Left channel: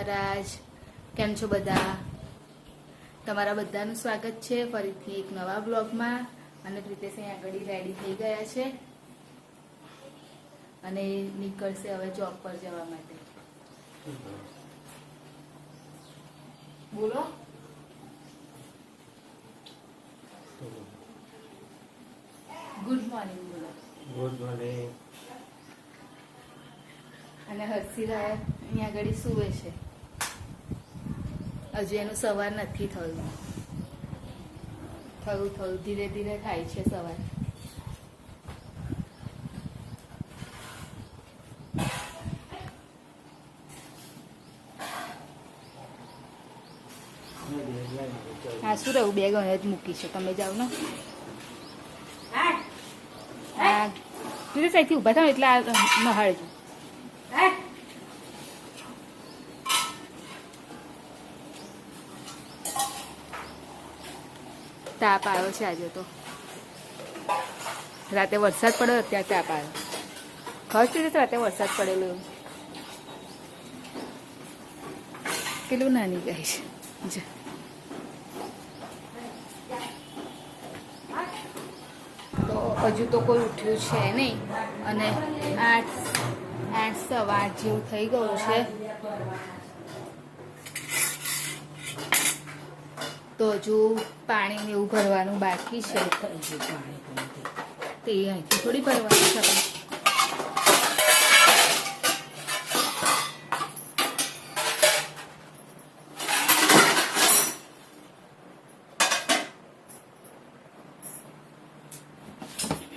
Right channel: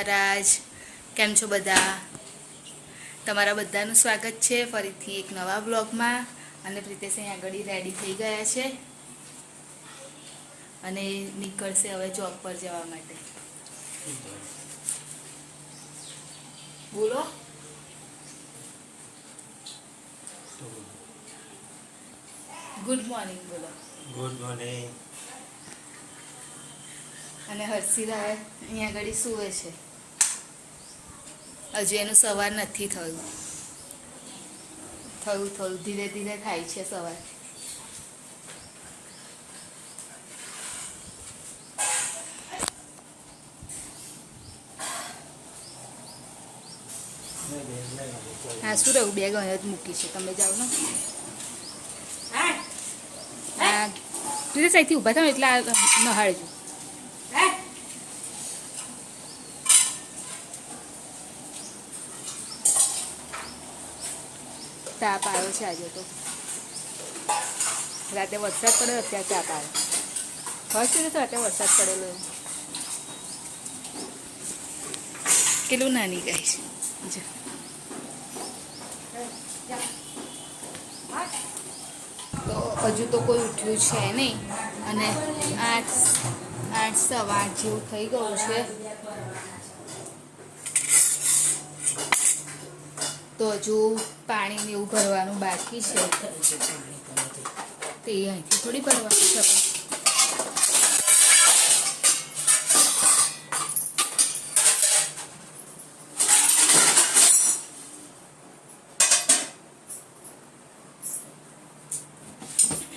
મહારાજ. કેમ છો બધા? તમારા બધાનું સ્વાગત છે ફરીથી એક નવા બ્લોગમાં. અને પ્રિતેશ અહીં આગળ રેડી થઈ ગયા છે અને નીકળશે હવે જોબ પર જવા માટે. બોલો. ગુડ મોર્નિંગ બોલો. Good morning. અને હર્ષિરા અહીંયા આગળ સૂવે છે. હજુ એનું સવાર નથી થયું. થોડું ધીરે ધીરે થાય છે સવાર. હા શું રહ્યું, બેગ અહીંયા જ મૂકી છે, તમે જાઓ ને. હા પ્લીઝ અહીંથી ઊભા થાવ એટલે આ નહાળજો. તાપ આવ્યો છે આજે તો. રાતે વરસાદ પડ્યો, અત્યારે તાપ આવ્યો. ફર્સ્ટ દિવસ રાતે વરસાદ પડેલો એવું. કેટલું નાની ગાય છે. તો હજુ તો કોઈ ઉઠ્યું છે નહીં અને 8 સવા 8 જેવું થઈ ગયું છે. તો હજુ પાણીને એવું ભરવાનું બાકી છે. તે અહીંથી થોડી ભરવાનું છે આપણે.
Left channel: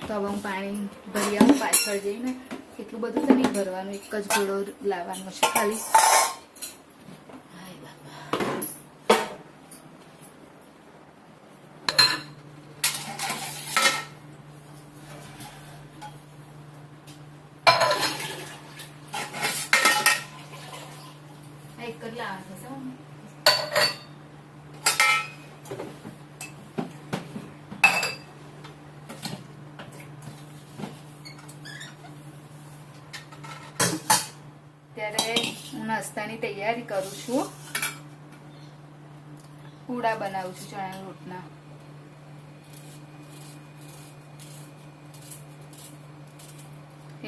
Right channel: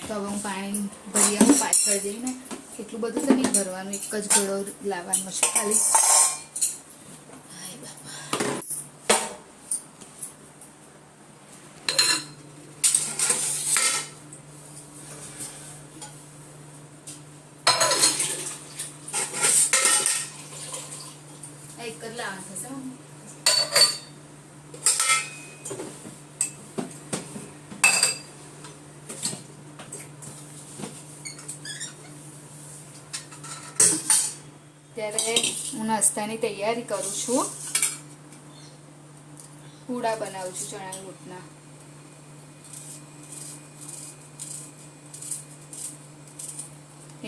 તો હવે હું પાણી ભરી આવું પાછળ જઈને. એટલું બધું તો નહીં ભરવાનું, એક જ ઘોડો લાવવાનો છે ખાલી. એક જ લાવવાનું થશે. ત્યારે હું નાસ્તાની તૈયારી કરું છું. પૂડા બનાવું છું ચણાના લોટના.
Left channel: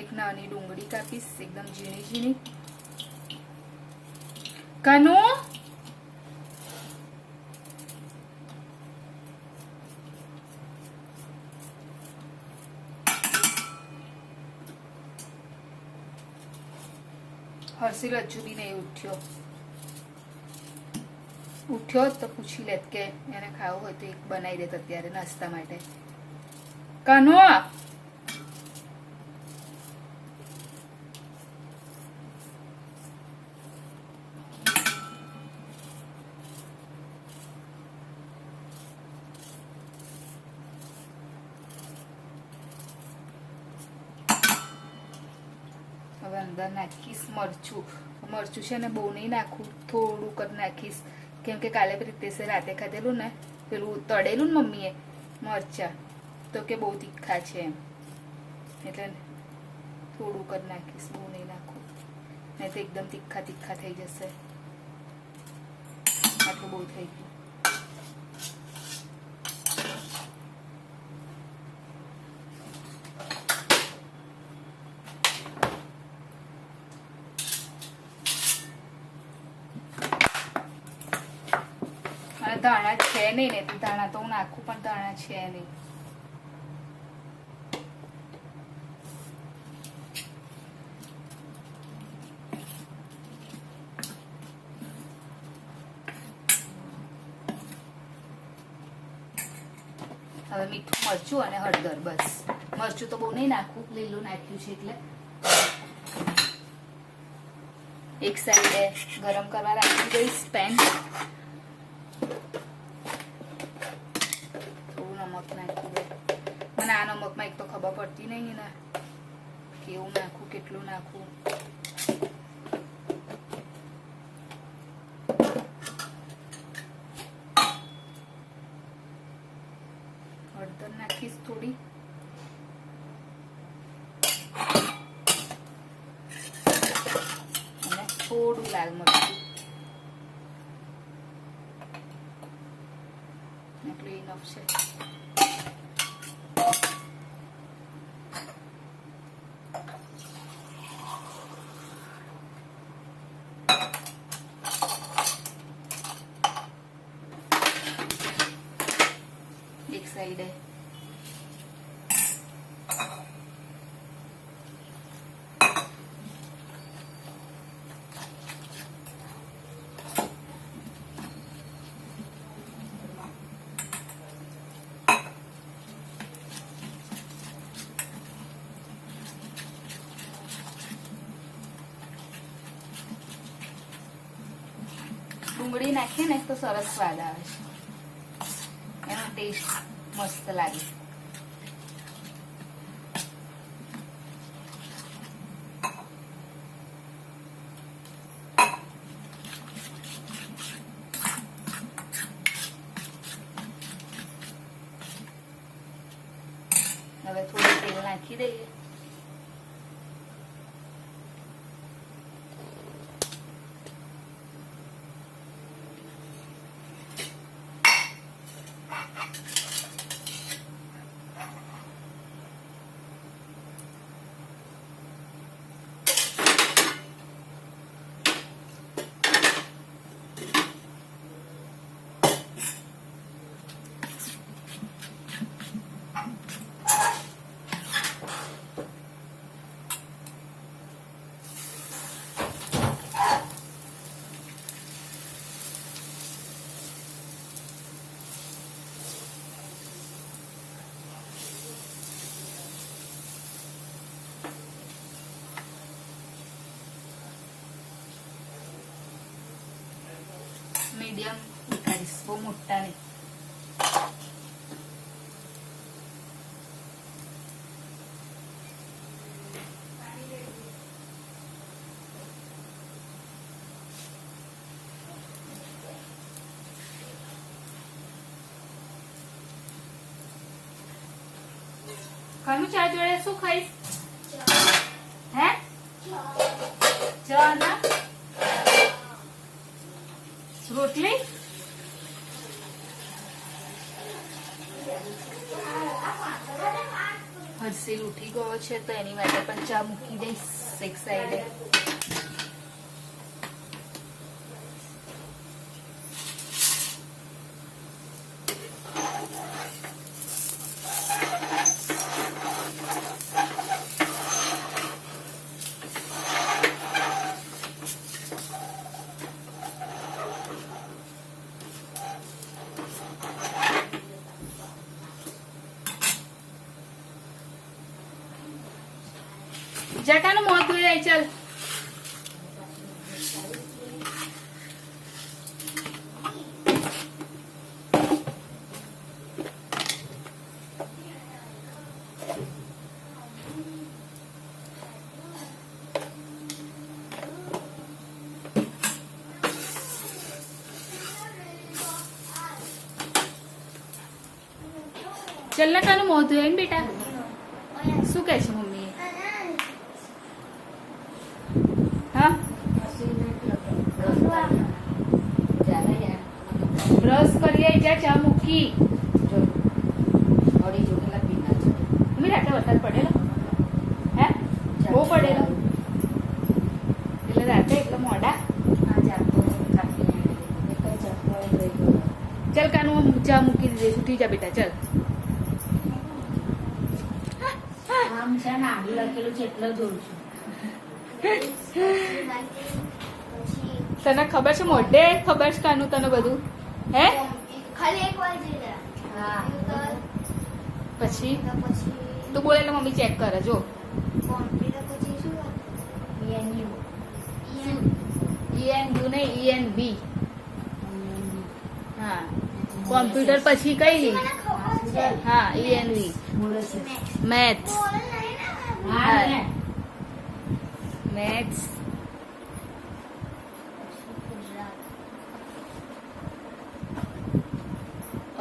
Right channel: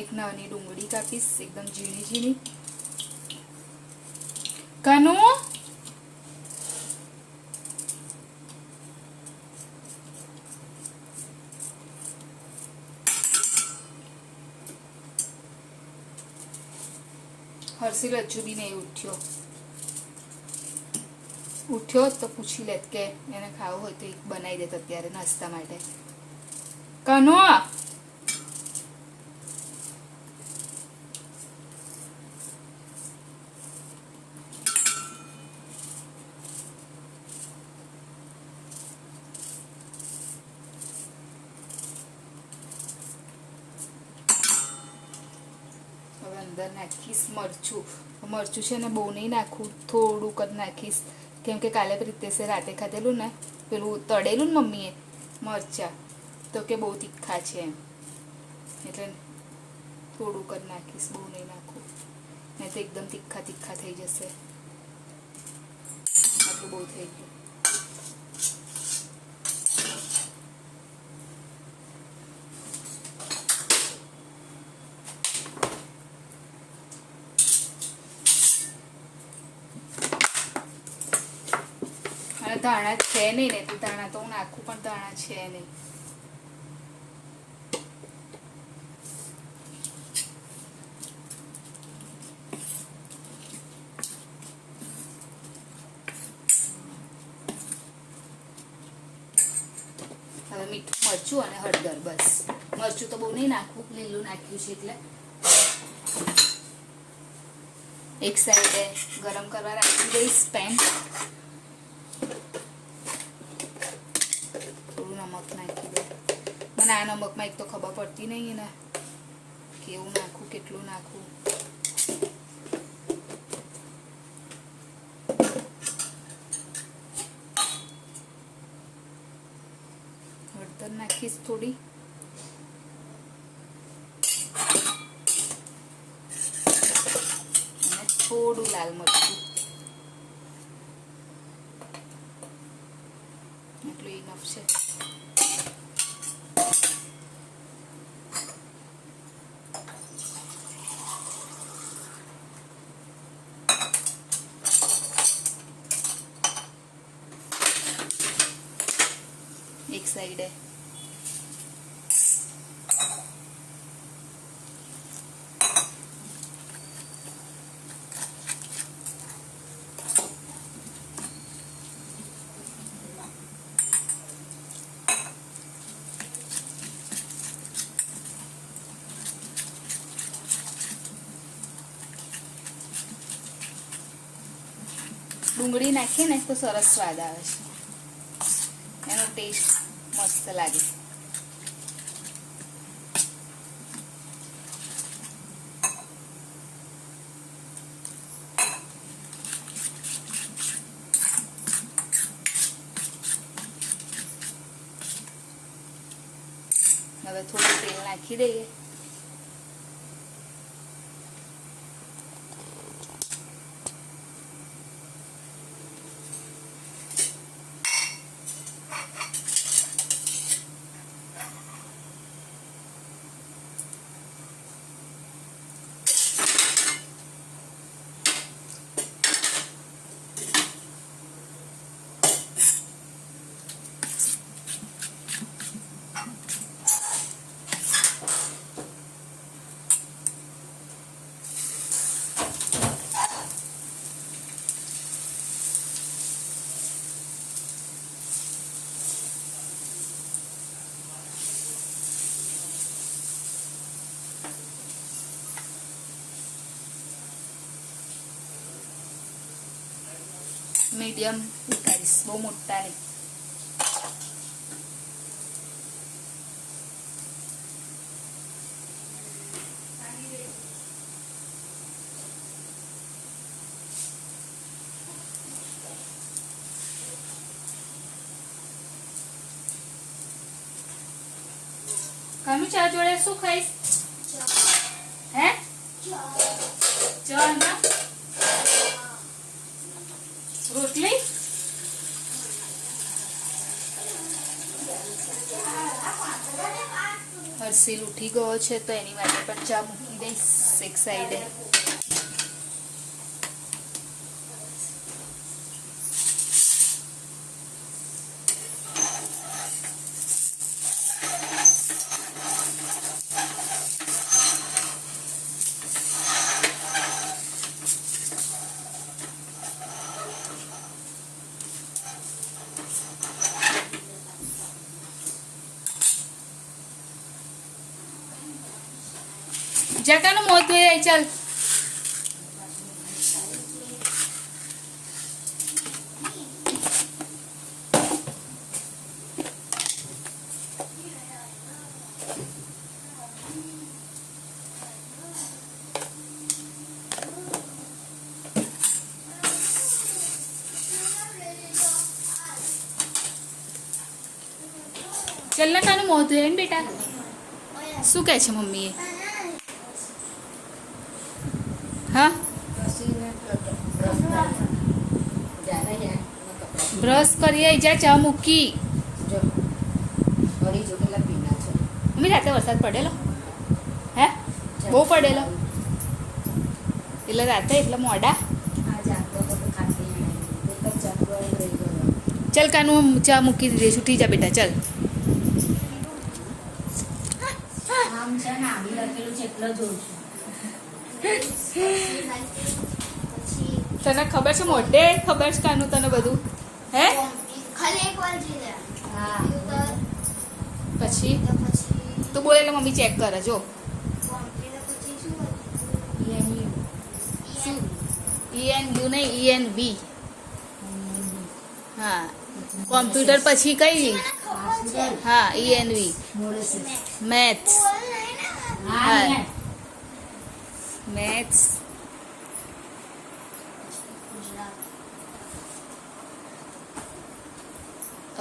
એક નાની ડુંગળી કાપીશ, એકદમ ઝીણી ઝીણી. કાનુ હર્ષિલ હજુ બી નહીં ઉઠ્યો તો પૂછી લેત કે એને ખાવું હોય તો એક બનાવી દેત અત્યારે નાસ્તા માટે. કાનુ હવે અંદર નાખીશ મરચું છે ને બહુ નહીં નાખું, થોડુંક જ નાખીશ. કેમ કે કાલે પ્રિતેશે રાતે ખાધેલું ને પેલું તળેલું ને મમ્મીએ મરચા, તો કે બહુ તીખા છે એમ, એટલે થોડુંક જ નાખીશ, બહુ નહીં નાખું, નહીં તો એકદમ તીખા થઈ જશે. આટલું બહુ થઈ ગયું. ધાણા છે નહીં ને, તો ધાણા તો હું નાખું, પણ ધાણા છે નહીં. હવે મીઠું, મરચું અને હળદર, બસ. મરચું તો બહુ નહીં નાખવું, લીલું નાખ્યું છે એટલે. એક સાઈડે ગરમ કરવા રાખી દઈશ પેન. નમક નાખી દો. મને આ નમકમાં એક તો ખબર પડતી નહીં ને કેવું નાખવું, કેટલું નાખવું. હળદર નાખીશ થોડી. થોડું લાલ મરચું, એટલું ઇનફ છે. એક સાઈડે ડુંગળી નાખીએ ને તો સરસ સ્વાદ આવે છે, એનો ટેસ્ટ મસ્ત લાગે. હવે થોડું તેલ નાખી દઈએ. મીડિયમ ઉતારીશ, બહુ મોટા નહીં. કાનું ચા જોડે શું ખાઈશ? હે ચા ના રોટલી? હર્ષિલ ઉઠી ગયો છે તો એની માટે પણ ચા મૂકી દઈશ એક સાઈડે. જટાનું મોત ધોઈ આવી. ચાલ ચાલ ના કાનું મોત ધોઈ ને બેટા. શું કહે છે મમ્મીએ? બ્રશ કરી જા, ચા મૂકી. મમ્મી રાતે વરસાદ પડેલો? હે બહુ પડેલો? એટલે રાતે એટલે મોડા. ચાલ કાનું ચા મૂકી દઈશું. ઉઠી જા બેટા, ચાલ. તને ખબર છે મોઢે ખબર છે કાનું તને બધું? હે પછી તો બોલે એટલે મમ્મી ચેક કરે. જો ENU નહીં ENB. હા કોમ્પ્યુટર પછી કઈ? હા ENV મેથ્સ. હા maths.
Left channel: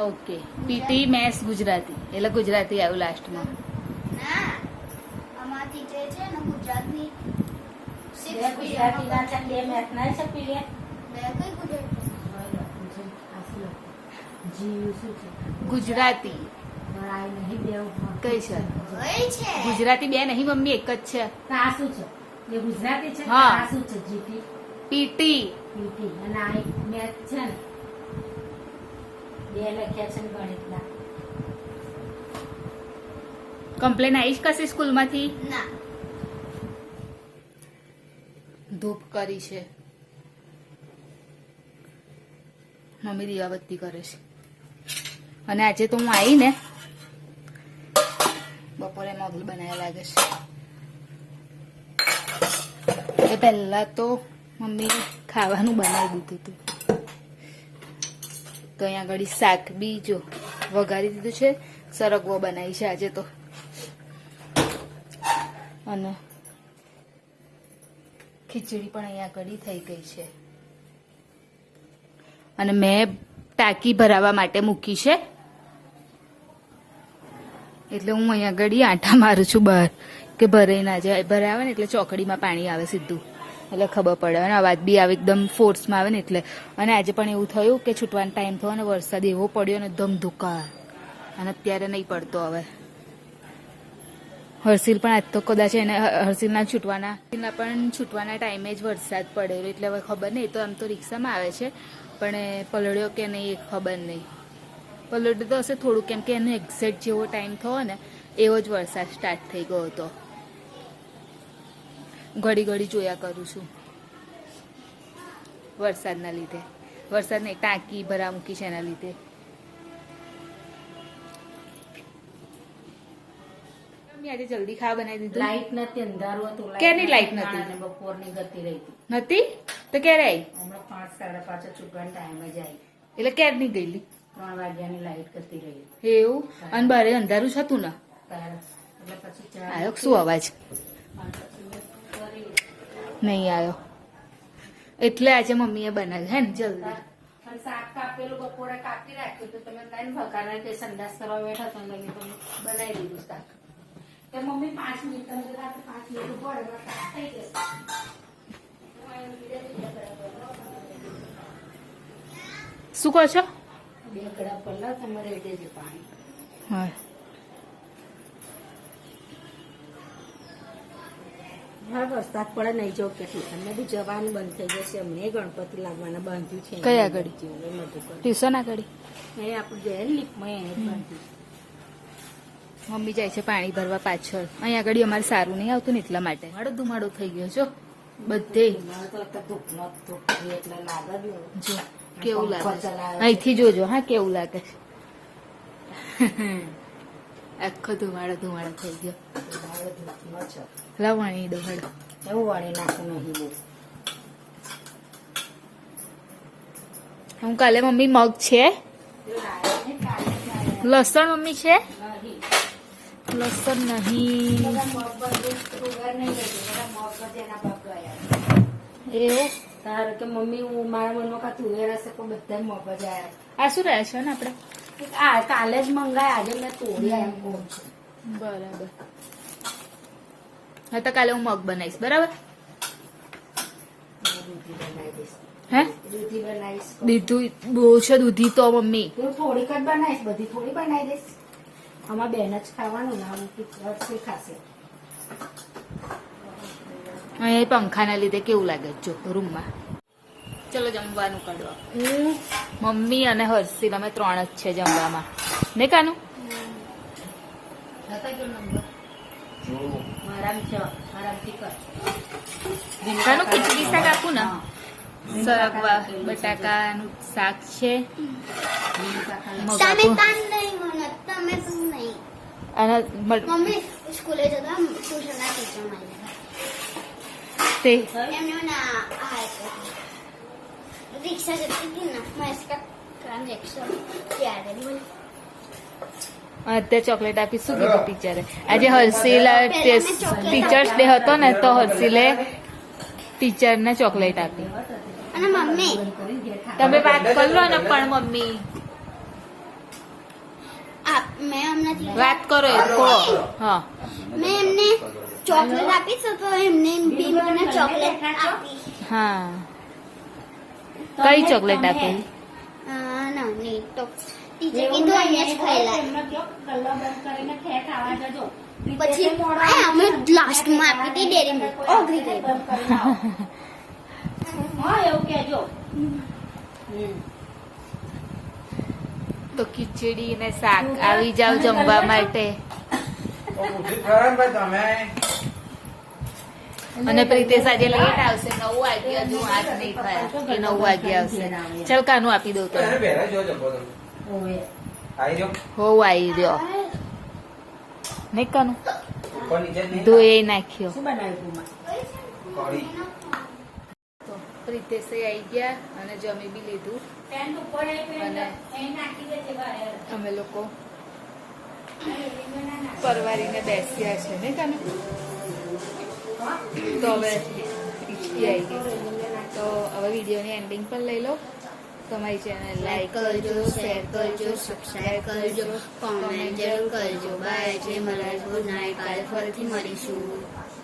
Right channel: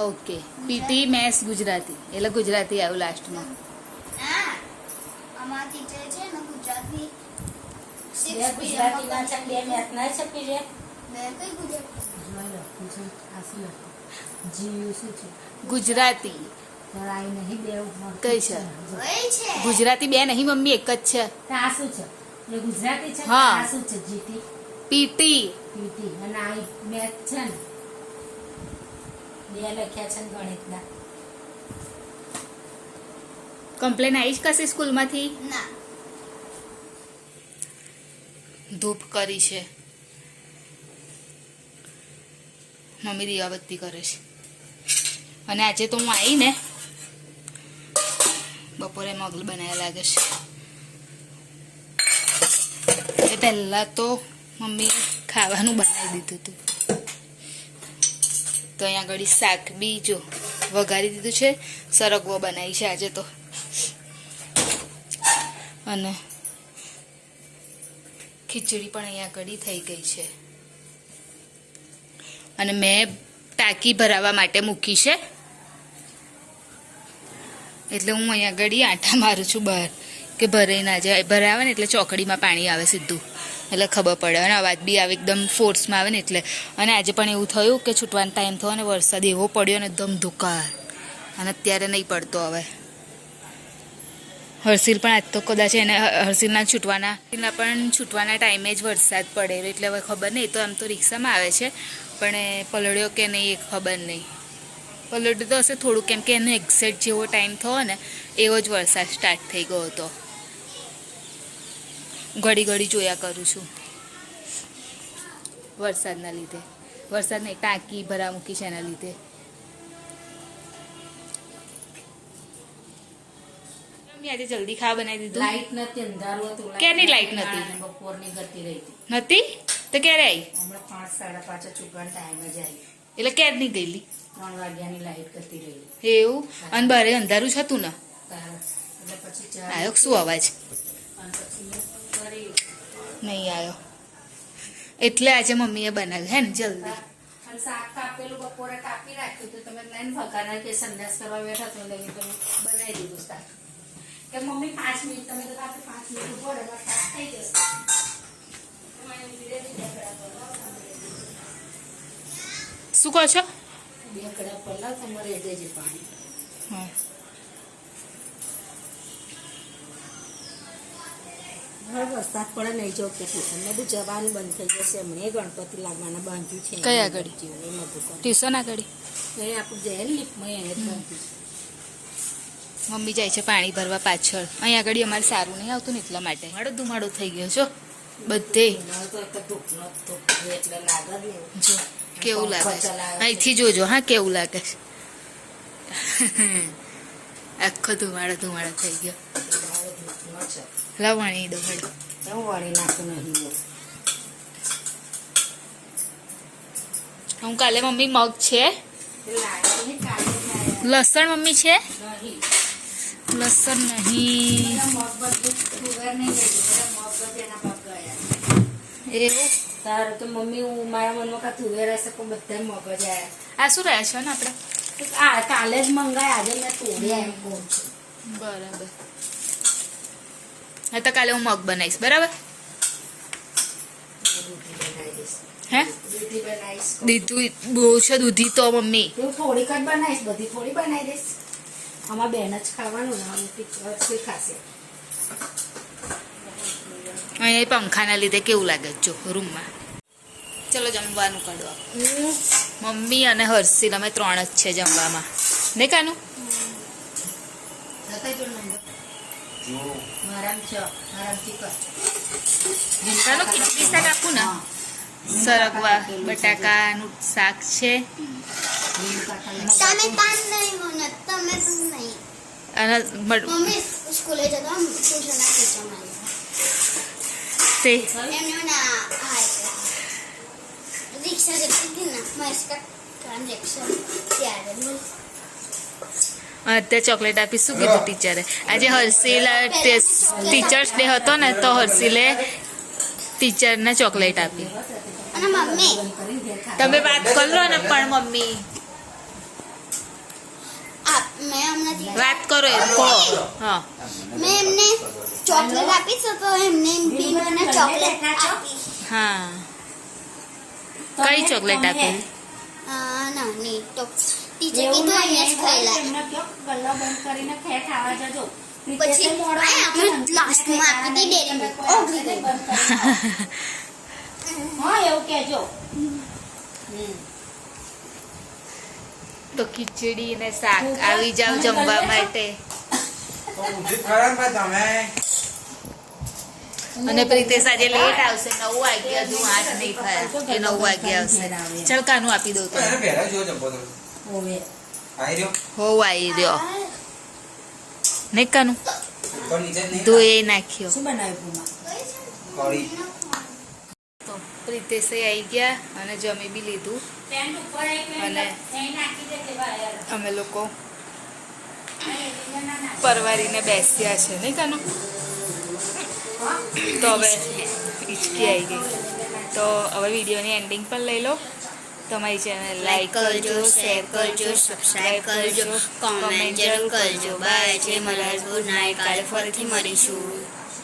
Okay PT maths Gujarati એટલે ગુજરાતી આવ્યું લાસ્ટમાં. જીવ શું છે ગુજરાતી આ નહીં બે કઈ છે ગુજરાતી બે નહીં મમ્મી એક જ છે તા શું છે એ ગુજરાતી છે હા. આ શું છે જીટી પીટી પીટી અને આ મેથ છે ને બે લખ્યા છે ને ગણિતના કમ્પ્લેન આવી જ કશી સ્કૂલમાંથી ના ધૂપ કરી છે મમ્મી દીવાબત્તી કરે છે અને આજે તો હું આવી ને બપોરે મગલ બનાવ્યા લાગે છે એ પહેલાં તો મમ્મી ખાવાનું બનાવી દીધું હતું તો અહીંયા આગળ શાક બી જો વઘારી દીધું છે સરગવો બનાવી છે આજે તો અને ખીચડી પણ અહીંયા કડી થઈ ગઈ છે અને મેં ટાંકી ભરાવા માટે મૂકી છે એટલે હું અહીંયા આગળ આંટા મારું છું બહાર કે ભરાઈ ના જાય ભરાવે ને એટલે ચોકડીમાં પાણી આવે સીધું એટલે ખબર પડે અને અવાજ બી આવે એકદમ ફોર્સમાં આવે ને એટલે અને આજે પણ એવું થયું કે છૂટવાનો ટાઈમ થયો અને વરસાદ એવો પડ્યો ને ધમધુકાર અને અત્યારે નહીં પડતો હવે હર્ષિલ પણ આજ તો કદાચ એને હર્ષિલના છૂટવાના ટાઈમે જ વરસાદ પડેલો એટલે હવે ખબર નહીં તો આમ તો રિક્ષામાં આવે છે પણ એ પલળ્યો કે નહીં એ ખબર નહીં પલળ્યો તો હશે થોડું કેમ કે એનો એક્ઝેક્ટ જેવો ટાઈમ થયો ને એવો જ વરસાદ સ્ટાર્ટ થઈ ગયો હતો ઘડી ઘડી જોયા કરું છું વરસાદના લીધે વરસાદ નહીં ટાંકી ભરા મૂકી છે એના લીધે આજે જલ્દી ખાવા બનાવી દીધું લાઈટ નથી અંધારું હતું ક્યારની લાઈટ નથી? બપોરની ગતિ રહી હતી નથી તો ક્યારે આવી હમણાં 5 સાડા 5 ચૂકવાનો ટાઈમ જ આવી એટલે ક્યારની ગયેલી 3 વાગ્યાની લાઈટ ગતિ રહી એવું અને બારે અંધારું જ હતું ને એટલે પછી ચા આવ્યો કે શું અવાજ અને પછી મેં કરી નહીં આવ્યો એટલે આજે મમ્મીએ બનાવ્યું હે ને જલ્દી અને શાક કાપેલું બપોરે કાપી રાખ્યું તો તમે લઈને ભગાના કે સંડાસ કરવા બેઠા તો તમે બનાવી દીધું શાક કે મમ્મી 5 મિનિટ તમે તો રાત્રે 5 મિનિટ ઉપર એમાં શાક થઈ જશે હું અહીં ઊભી રહી બે કડા શું કહો છો પહેલા તમારે એ દેજે પાણી હા હા વરસાદ પડે નહીં જો કે ટ્યુશન મેં બી જવાનું બંધ થઈ જશે હમણાં ગણપતિ લાગવાના બાંધ્યું છે કઈ આગળ? એ મધુકર ટ્યુશન આગળ એ આપણું જઈએ ને લીપમાં એને જ બાંધ્યું મમ્મી જાય છે પાણી ભરવા પાછળ અહીં આગળ અમારે સારું નહીં આવતું ને એટલા માટે ધુમાડો થઈ ગયો છો બધે મારે તો એક ધૂપનો ધૂપ એટલે લાગે જ નહીં જો કેવું લાગે છે ચલાવે. અહીંથી જોજો હા કેવું લાગે છે આખો ધુમાડો થઈ ગયો મારો ધૂપનો છે લાવ વણી દો વળી એવું વાળી નાખું નહીં બહુ હું કાલે મમ્મી મગ છે લસણ મમ્મી છે લસણ નહીં એવું તારે તો મમ્મી હું મારા મનમાં કાં તુવેર હશે પણ બધા મગજ આવ્યા આ શું રહે છે ને આપણે આ કાલે જ મંગાય આજે મેં તોડ્યા એમ કહું છું બરાબર હા તો કાલે હું મગ બનાવીશ બરાબર દૂધી બનાવી દઈશ હે દૂધી બનાવીશ દીધું બહુ છે દૂધી તો મમ્મી હું થોડીક જ બનાવીશ બધી થોડી બનાવી દઈશ આમાં બેન જ ખાવાનું ને આમ ખાશે અહીંયા પંખાના લીધે કેવું લાગે છે જો રૂમમાં ચલો જમવાનું કાઢો મમ્મી અને હર્ષિલ અમે 3 જ છે જમવામાં ને કાનું કાનું ખીચડી શાક આપું ને સરગવા બટાકાનું શાક છે મગ તમે આપું કામ નહીં મને તમે નહીં અને મમ્મી સ્કૂલે જતા ટ્યુશનના ટીચર માં તે એમને ના આ રિક્ષા જતી હતી ને મહેશકા ટ્રાન્ઝેક્શન ત્યારે બોલ અત્યારે ચોકલેટ આપી શું કીધું ટીચરે આજે હર્ષિલ ટીચર્સ ડે હતો ને તો હર્ષિલે ટીચરને ચોકલેટ આપી અને મમ્મી તમે વાત કરો ને પણ મમ્મી મેં હમણાં વાત કરો એ કહો હા મેં એમને ચોકલેટ આપી છે તો એમને બી મને ચોકલેટ આપી હા કઈ ચોકલેટ આપી ના નહીં તો ટીચર કીધું અહીંયા જ ખાઈ લે એમને કહો, ગલ્લો બંધ કરીને ખેર ખાવા જજો. પછી મોડો આ અમે લાસ્ટમાં આપી દી ડેરી મિલ્ક ઓગળી ગઈ હા એવું કહેજો. તો ખીચડી ને શાક આવી જાવ જમવા માટે. અને પ્રિતેશ આજે લેટ આવશે 9 વાગ્યા, હજુ 8 નહીં થયા, એ 9 વાગ્યા આવશે. ચાલ કાનું આપી દઉં તો. ઓવે. હો આવી રહ્યો ને કાનું ધોઈ નાખ્યો. શું બનાવ્યું પૂમા? તો પ્રિતેશે આવી ગયા અને જમી બી લીધું. પેન્ટ ઉપર એક અને અહીં નાખી દે તે વાયર. અમે લોકો પરવારીને બેસ્યા છે ને કાનું. તો હવે હિચકી આવી ગઈ. તો હવે વિડીયોની એન્ડિંગ પણ લઈ લો. તમારી ચેનલ લાઈક કરજો, શેર કરજો, સબસ્ક્રાઈબ કરજો, કોમેન્ટ જરૂર કરજો. બાય. જય મહારાજ. Good night. કાલે ફરીથી મળીશું.